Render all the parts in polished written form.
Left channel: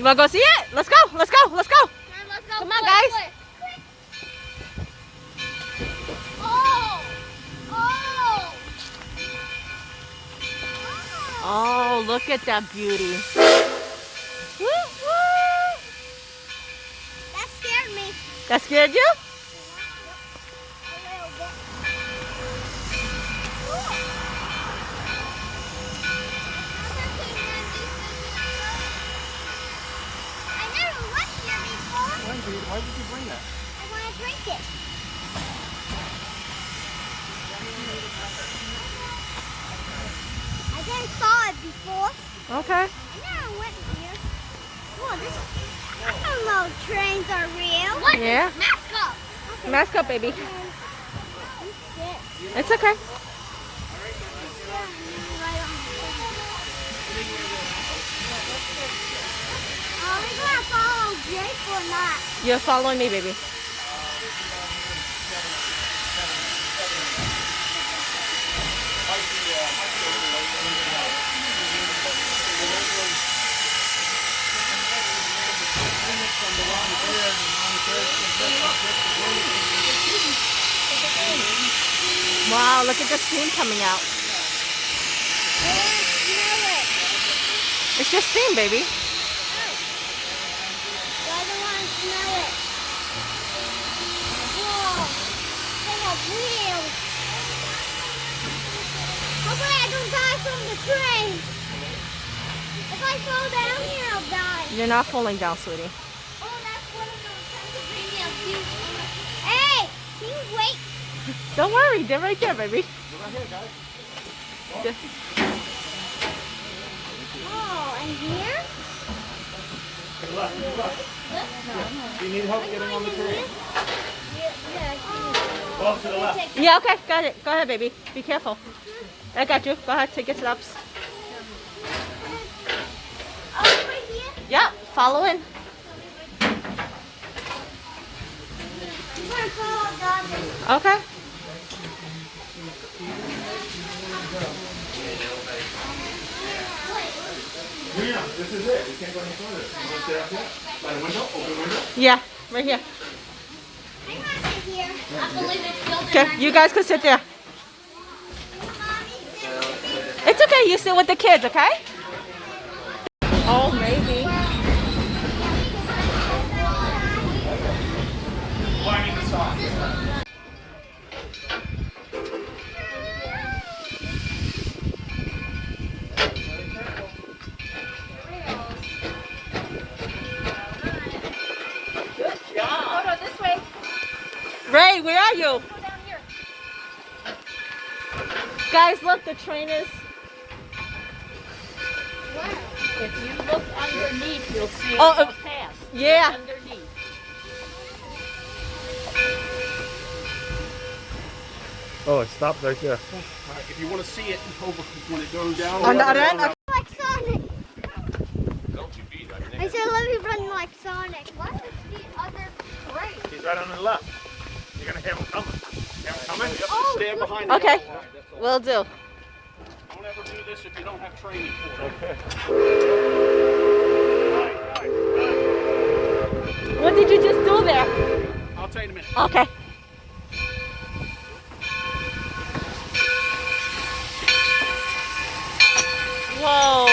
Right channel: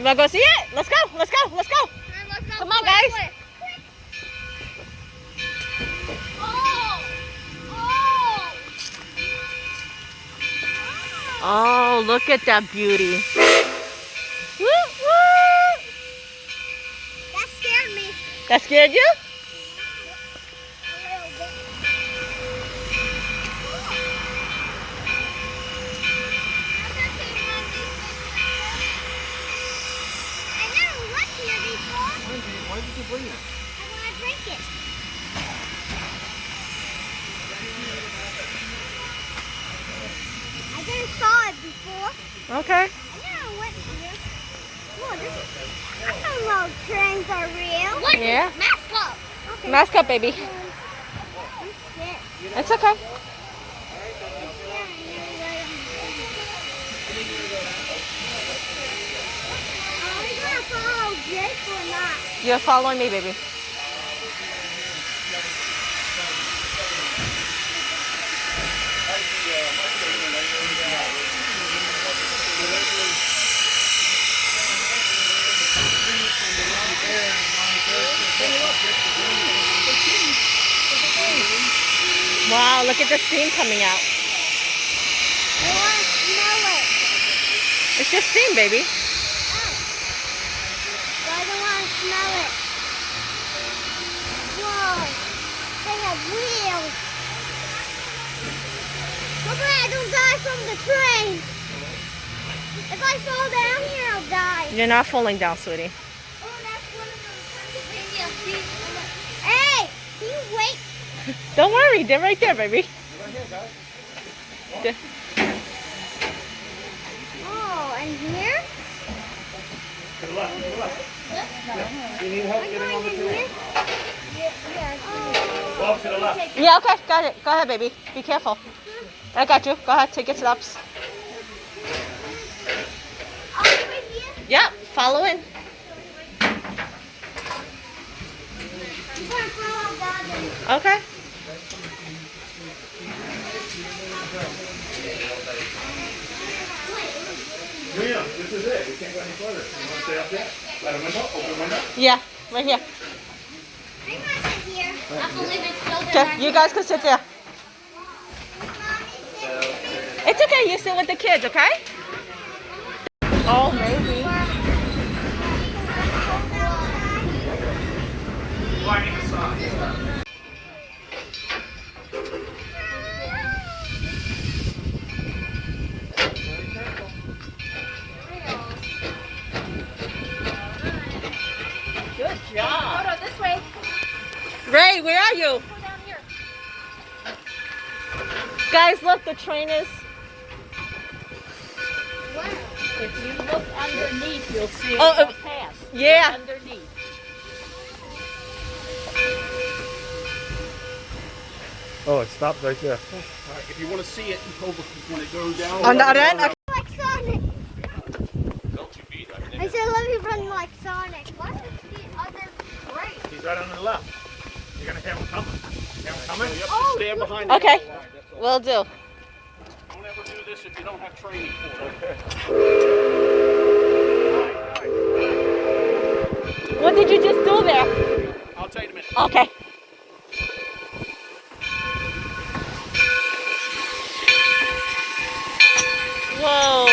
You want to go see it? Let's go. Let's go. Let's go. Let's go. Come on, guys. Oh. Oh. Oh, look at that beauty. Woo, woo. That scared me. That scared you? Why did you bring that? I want to drink it. I didn't saw it before. Okay. I never went here. Whoa, this I don't know if trains are real. What? Yeah. Mask up. Mask up, baby. It's okay. Are we gonna follow Jake or not? You're following me, baby. Wow, look at the steam coming out. I want to smell it. It's just steam, baby. I don't want to smell it. Whoa, they have wheels. Hopefully I don't die from the train. If I fall down here, I'll die. You're not falling down, sweetie. Oh, that's one of those Pennsylvania beach. Hey, can you wait? Don't worry, they're right there, baby. There. Oh, and here? Do you need help getting on the train? Go to the left. Yeah, okay, got it. Go ahead, baby. Be careful. I got you. Go ahead, take your steps. Oh, right here? Yep, follow in. I'm going to follow Dad. Okay. William, this is it. We can't go any further. You want to stay up here? By the window? Open window? Yeah, right here. I'm going to sit here. I believe it's still Okay, you guys can sit there. It's okay, you sit with the kids, okay? Oh, maybe. Lining the socks. Ray, where are you? Guys, look, the train is... If you look underneath, you'll see it Oh, go past. yeah. Underneath. Oh, it stopped right there. All right, if you want to see it over when it goes down. On the other end? Okay. Like Sonic. I said let me run like Sonic. What is the other train? He's right on the left. You're going to hear him coming. Hear him coming? Oh, Stand behind Okay, will do. Don't ever do this if you don't have training for it. Okay. What did you just do there? I'll tell you in a minute. Okay. Whoa.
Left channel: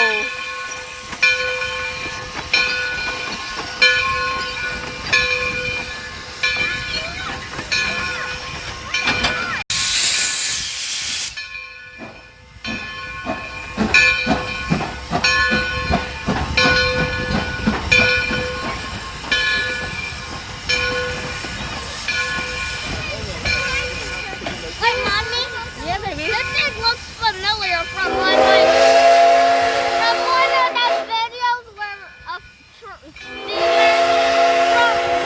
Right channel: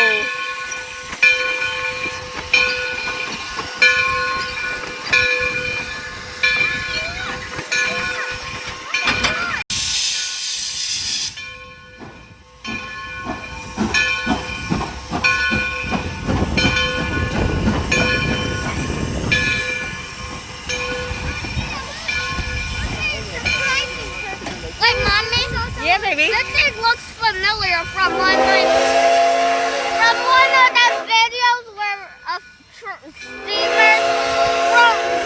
Wait, Mommy. Yeah, baby. This thing looks familiar from one of the videos where a steamer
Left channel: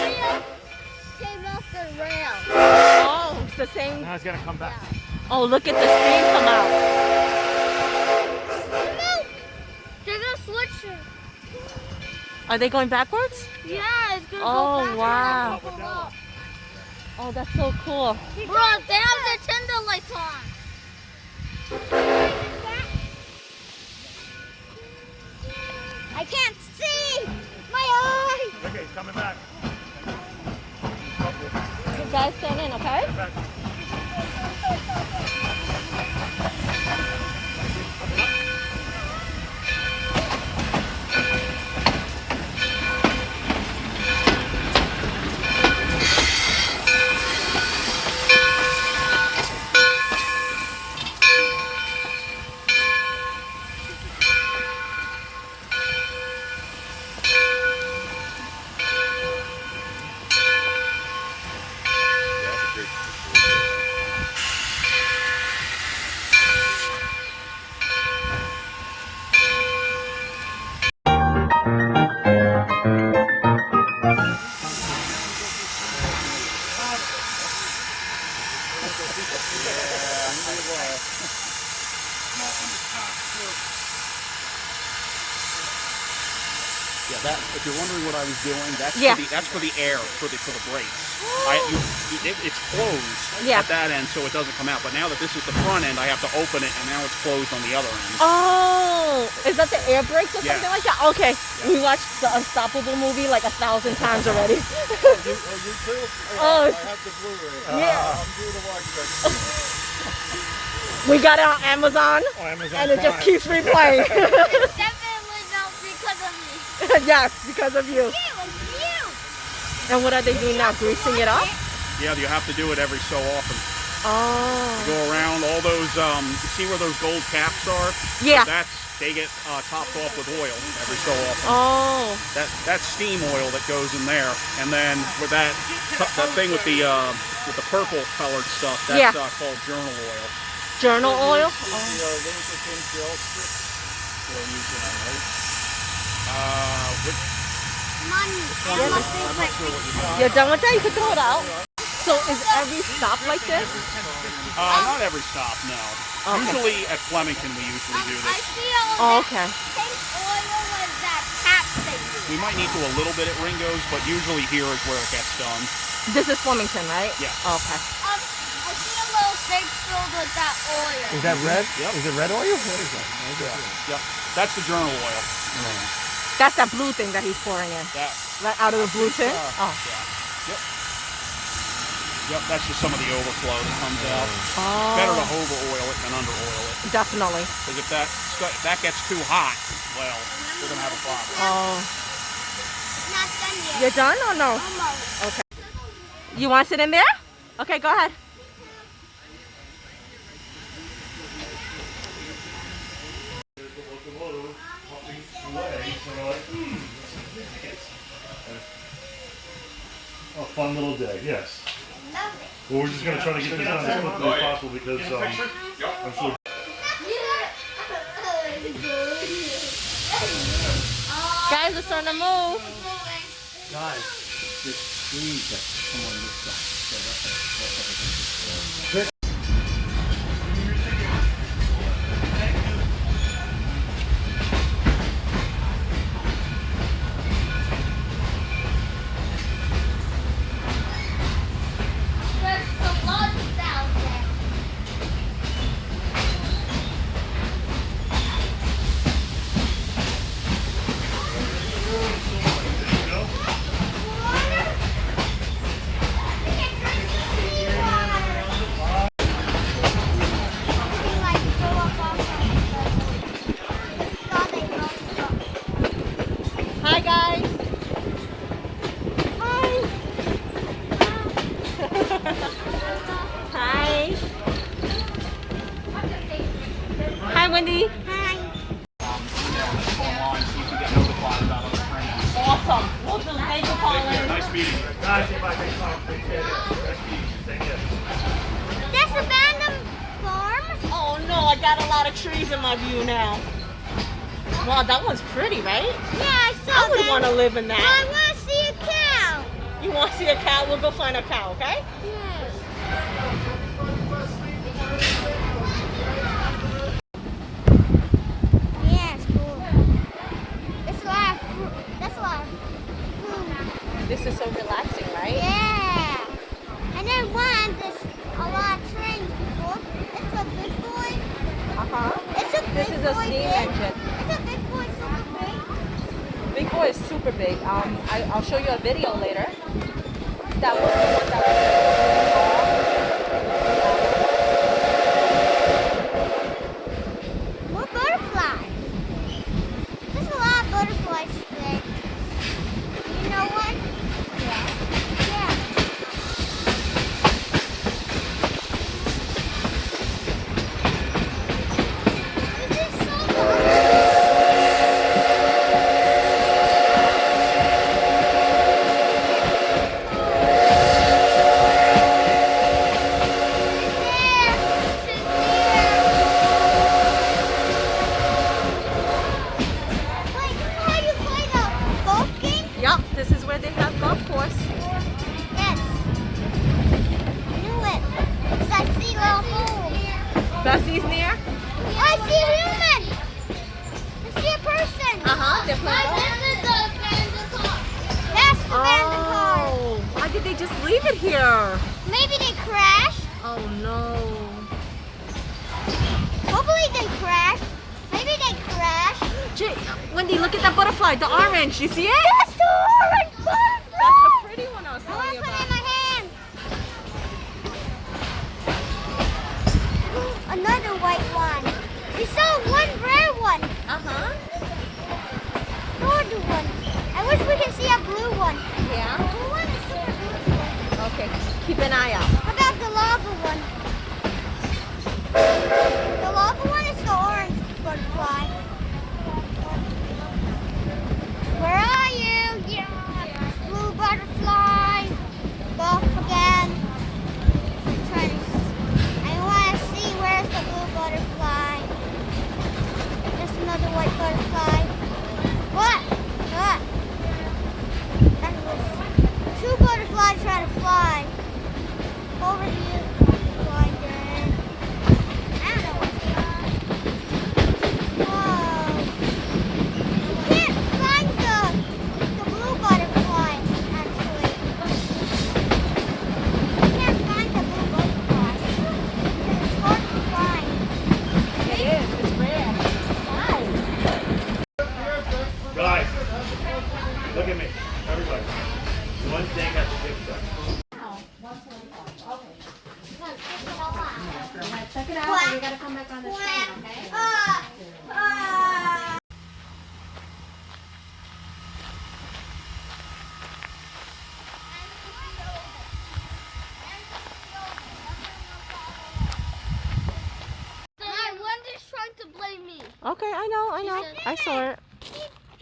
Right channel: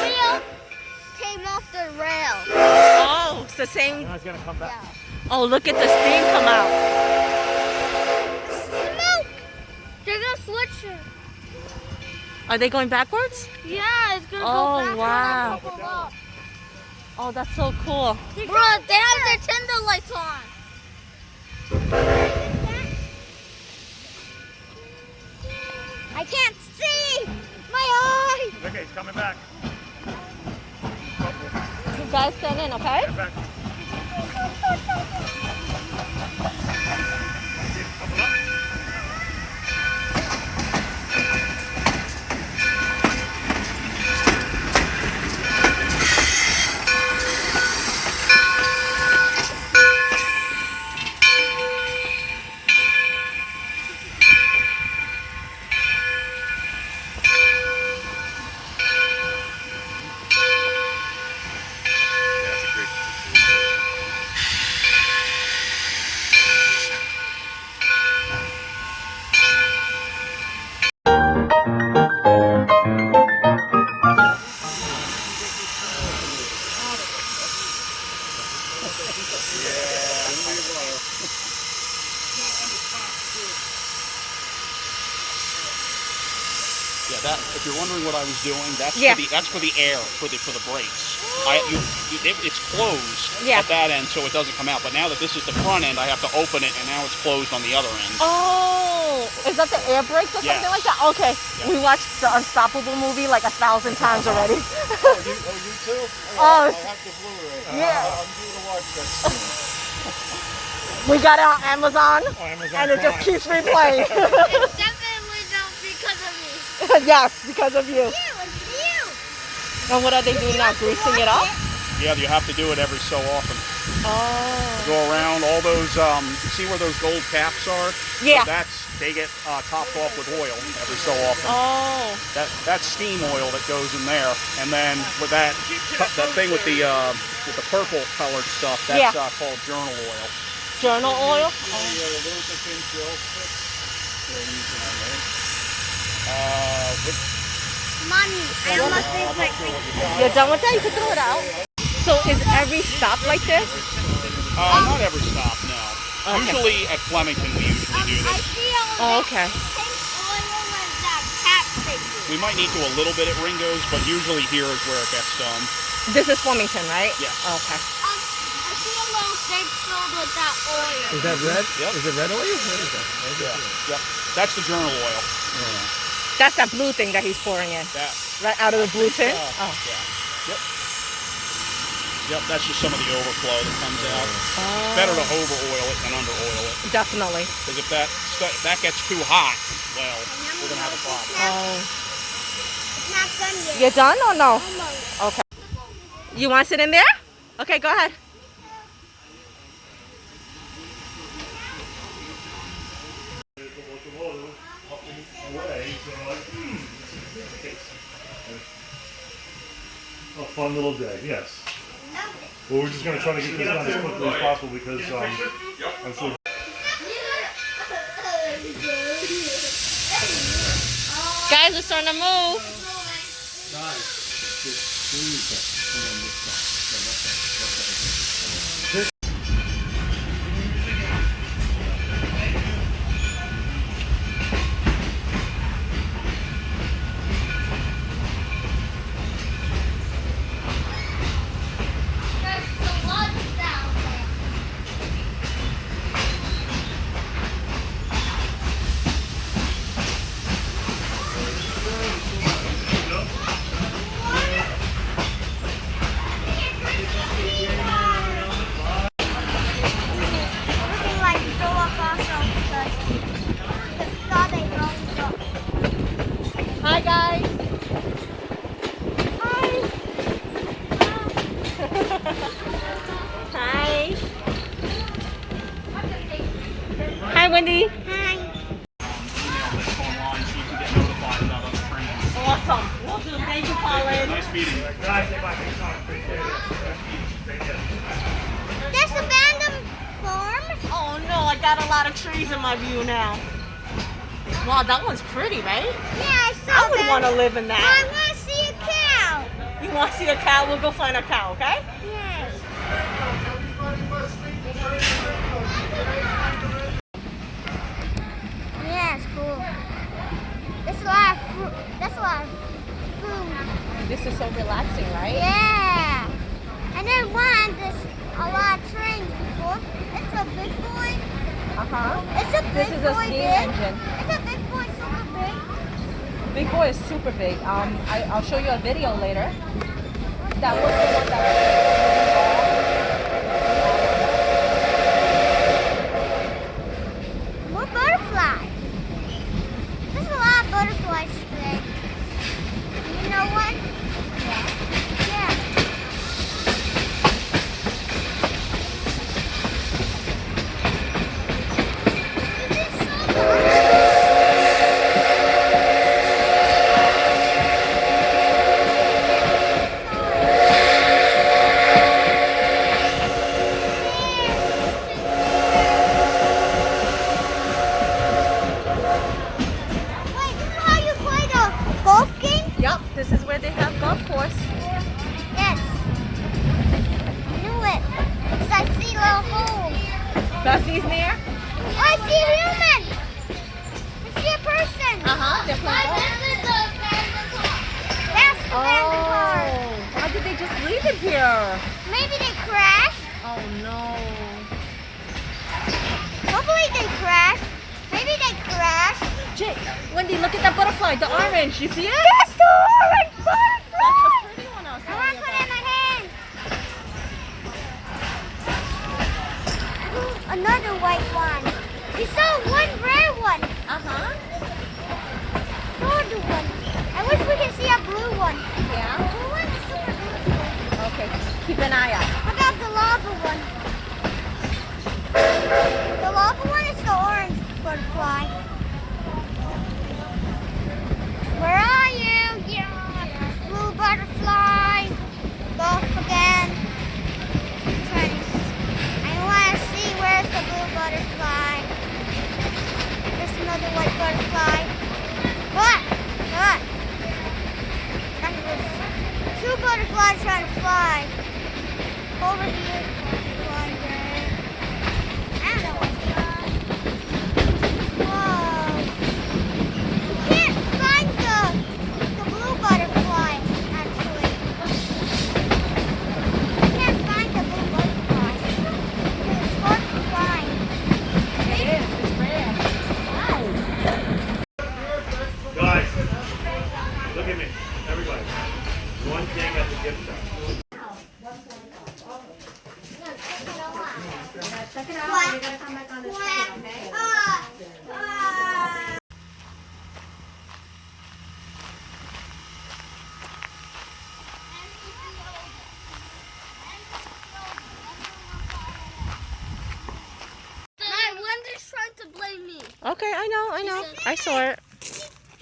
wheel came off the rail. Oh, it's the same. Now he's going to come back. Oh, look at the steam come out. Smoke! They're gonna switch it. Are they going backwards? Yeah, it's gonna Oh, go back wow. and go up. Oh, that's so cool. Bro, they have their Tinder lights on. I can't see. My coming back. You guys stand in, okay? Back. Yeah, that. If you're wondering what I was doing, that's for the air for the brakes. It's closed at that end, so it doesn't come out. But now that this is the front end, I have to open it, and now it's closed on the other end. Oh, is that the air brakes or something like that? Okay, we watched the Unstoppable movie like 1,000 times already. You too? I have the Blu-ray. Yeah. I'm due to watch that. We got it on Amazon, and it just keeps replaying. It's definitely not because of me. Yes, because of you. It's you. And what are they doing now? Greasing it up? Yeah, you have to do it every so often. Oh. Go around all those. You see where those gold caps are? Yeah. So they get topped off with oil every so often. Oh. That's steam oil that goes in there, and then with that thing with the purple colored stuff, that's called journal oil. Journal oil? Mommy, I have my favorite. You're done with that? You can throw it out. So is every stop like this? Not every stop, no. Okay. Usually at Flemington we usually do I this. see Okay. pink oil with that cap thing. We might need to a little bit at Ringo's, but usually here is where it gets done. This is Flemington, right? Yeah. Okay. I see a little thing filled with that oil. Is that red? Yep. Is it red oil? What is that? Yep. That's the journal oil. That's that blue thing that he's pouring in. That. Right out of the blue tin? Oh. Yeah. Yep. Yep, that's just some of the overflow that comes out. Oh. Better to over oil it than under oil it. Definitely. Because if that gets too hot, well, we're gonna have a problem. Oh. Not done yet. You're done or no? Almost. Okay. You want to sit in there? Okay, go ahead. A fun little day, yes. Well, we're just going to try to get this done as quickly as possible because I'm sure. Guys, it's starting to move. Hi, guys. Hi. Hi. Hi, Wendy. Hi. Online so you can get notified about other trains. Awesome. Well done. Thank you, Colin. Nice meeting you. That's abandoned farm. Oh no, I got a lot of trees in my view now. Wow, that one's pretty, right? Yeah, I saw I would that. want to live in I that. want to see a cow. You want to see a cow? We'll go find a cow, okay? Yes. Yeah, it's cool. That's a lot of fruit. That's a lot of food. This is so relaxing, right? Yeah. And then there's a lot of trains before. It's a big boy. Uh-huh. It's a This big is a boy steam big. engine. It's a big boy super big. We before is super big. I'll show you a video later. That was the one that More butterflies. There's a lot of butterflies today. You know what? Yeah. Yeah. Wait, this is how you play the golf game? Yep, this is where they have golf course. Yes. I knew it. Because I see little holes. Bessie's near. I see a human. I see a person. They're playing golf. That's the abandoned car. Oh, why did they just leave it here? Maybe they crashed. Oh no. Hopefully they crashed. Maybe they crashed. Wendy, look at that butterfly, the orange. You see it? That's the orange butterfly. That's the pretty one I was I want telling to you put it about. in my hand. Another white one. We saw one rare one. Another one. I wish we could see a blue one. Yeah? Blue one is super beautiful. Okay, keep an eye out. How about the lava one? The lava one is the orange butterfly. Where are you? Yeah. Blue butterfly. Golf again. I want to see where's the blue butterfly. There's another white butterfly. What? What? That was two butterflies trying to fly. Over here. Flying there. I don't know what's up. Whoa. You can't find the blue butterfly, actually. You can't find the blue butterfly. Because it's hard to find. It is, it's rare. Guys, look at me. Everybody. One thing at the gift shop. Check it out. You gotta come back on this side, okay? My Wendy's trying to blame me. Okay, I know. I saw it. He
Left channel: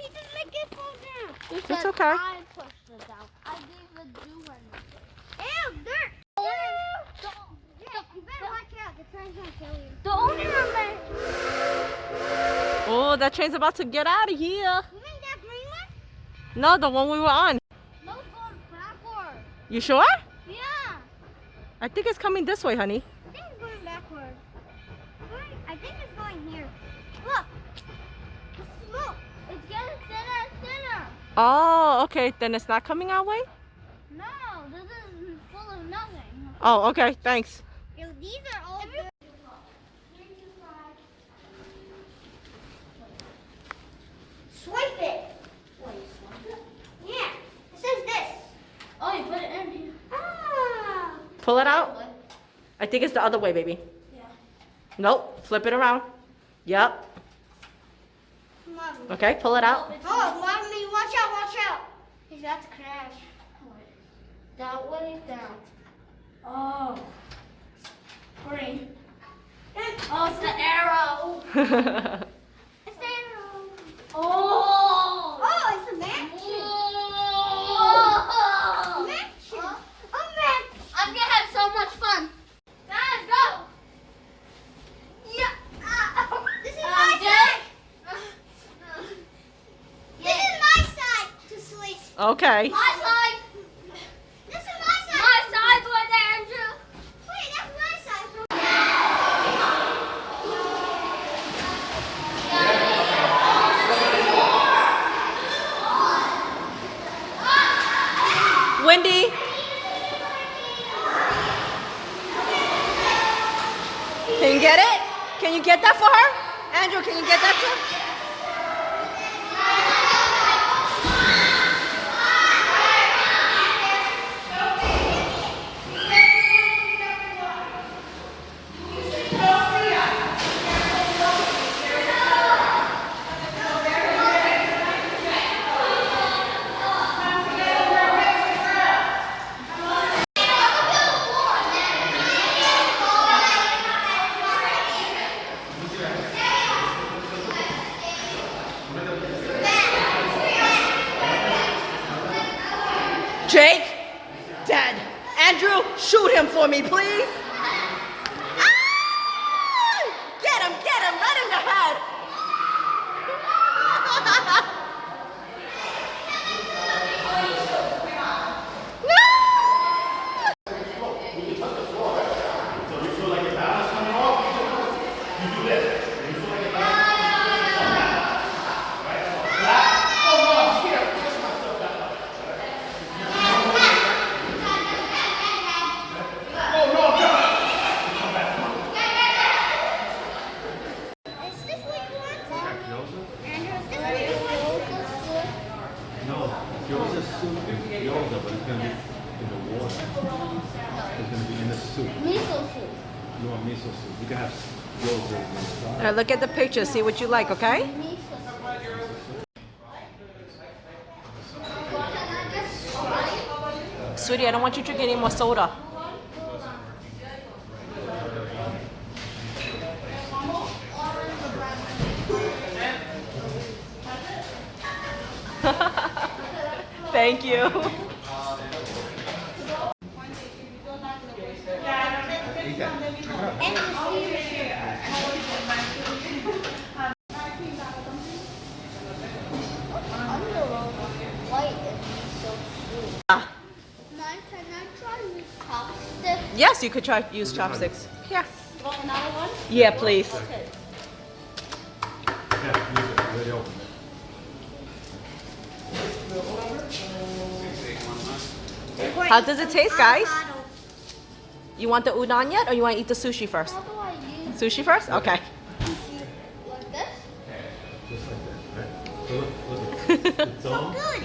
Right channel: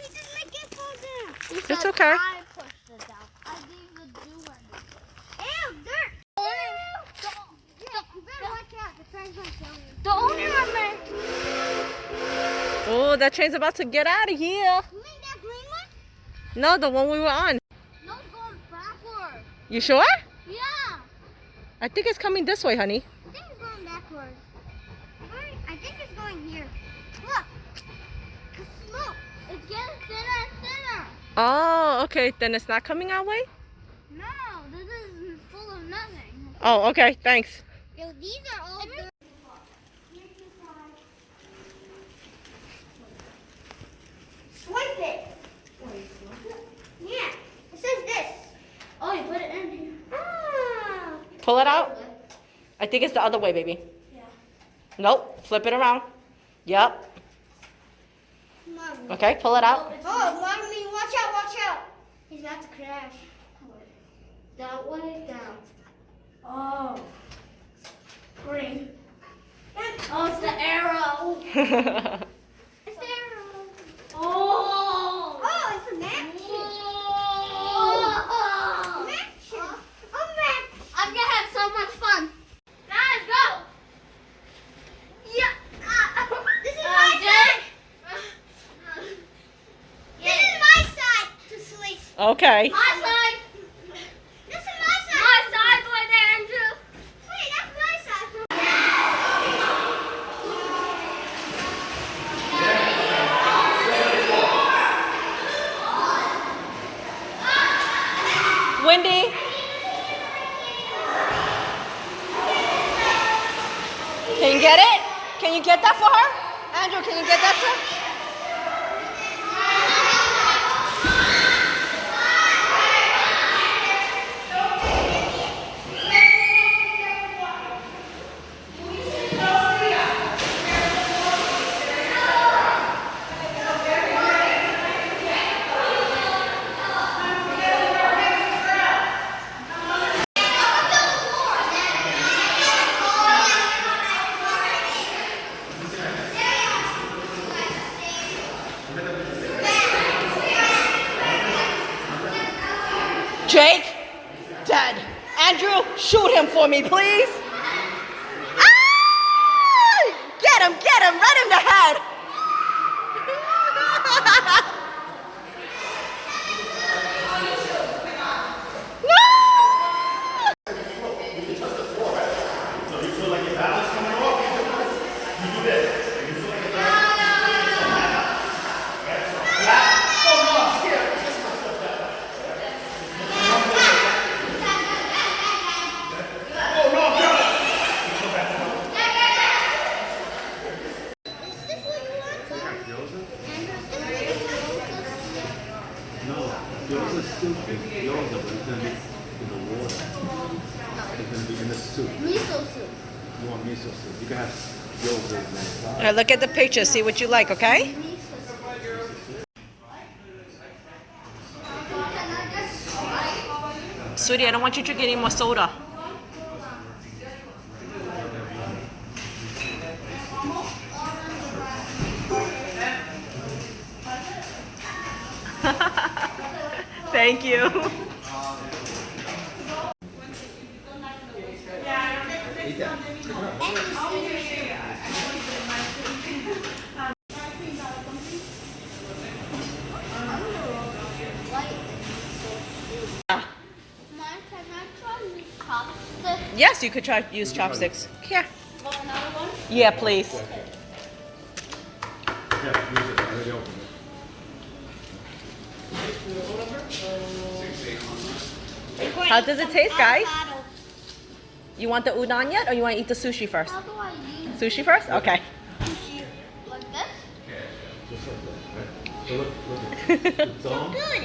didn't make it fall down. It's okay. I pushed it down. I gave the dew one. Ew, dirt. Yeah, you better watch out. The train's gonna kill you. The only one man. Oh, that train's about to get out of here. You mean that green one? No, the one we were on. No, it's going backwards. You sure? Yeah. I think it's coming this way, honey. I think it's going backwards. I think it's going here. Look. The smoke. It's getting thinner and thinner. Oh, okay. Then it's not coming our way? No, this is full of nothing. Oh, okay. Thanks. Yo, these are all good. Swipe it. Yeah. It says this. Oh, you put it in here. Ah. Pull it out. I think it's the other way, baby. Yeah. Nope. Flip it around. Yep. Mommy. Okay, pull it out. Oh, mommy, watch out, watch out. He's about to crash. That one is down. Oh. Green. And Oh, it's the arrow. it's there. Oh. Oh, it's a mansion. Oh. Mansion. A mansion. I'm gonna have so much fun. Guys, go. Yeah. This is my Jake. side. This is my side to sleep. Okay. My side. This is my side. My side with Andrew. Wait, that's my side. Wendy. Can you get it? Can you get that for her? Andrew, can you get that for her? Jake, dead. Andrew, shoot him for me, please. Ah! Get him, right in the head. Gyoza soup is gyoza, but it's gonna be in the water. It's gonna be in the soup. Miso soup. You want miso soup? You can have gyoza inside. Now look at the picture, see what you like, okay? Sweetie, I don't want you drinking any more soda. Thank you. Yes, you could try use chopsticks. Here. Another one? Yeah, please. Yeah, use it. Really open it. How does it taste, guys? You want the udon yet, or you want to eat the sushi first? How do I use Sushi first? Okay. sushi? Like this? Just like that, right? So look at it. The dome.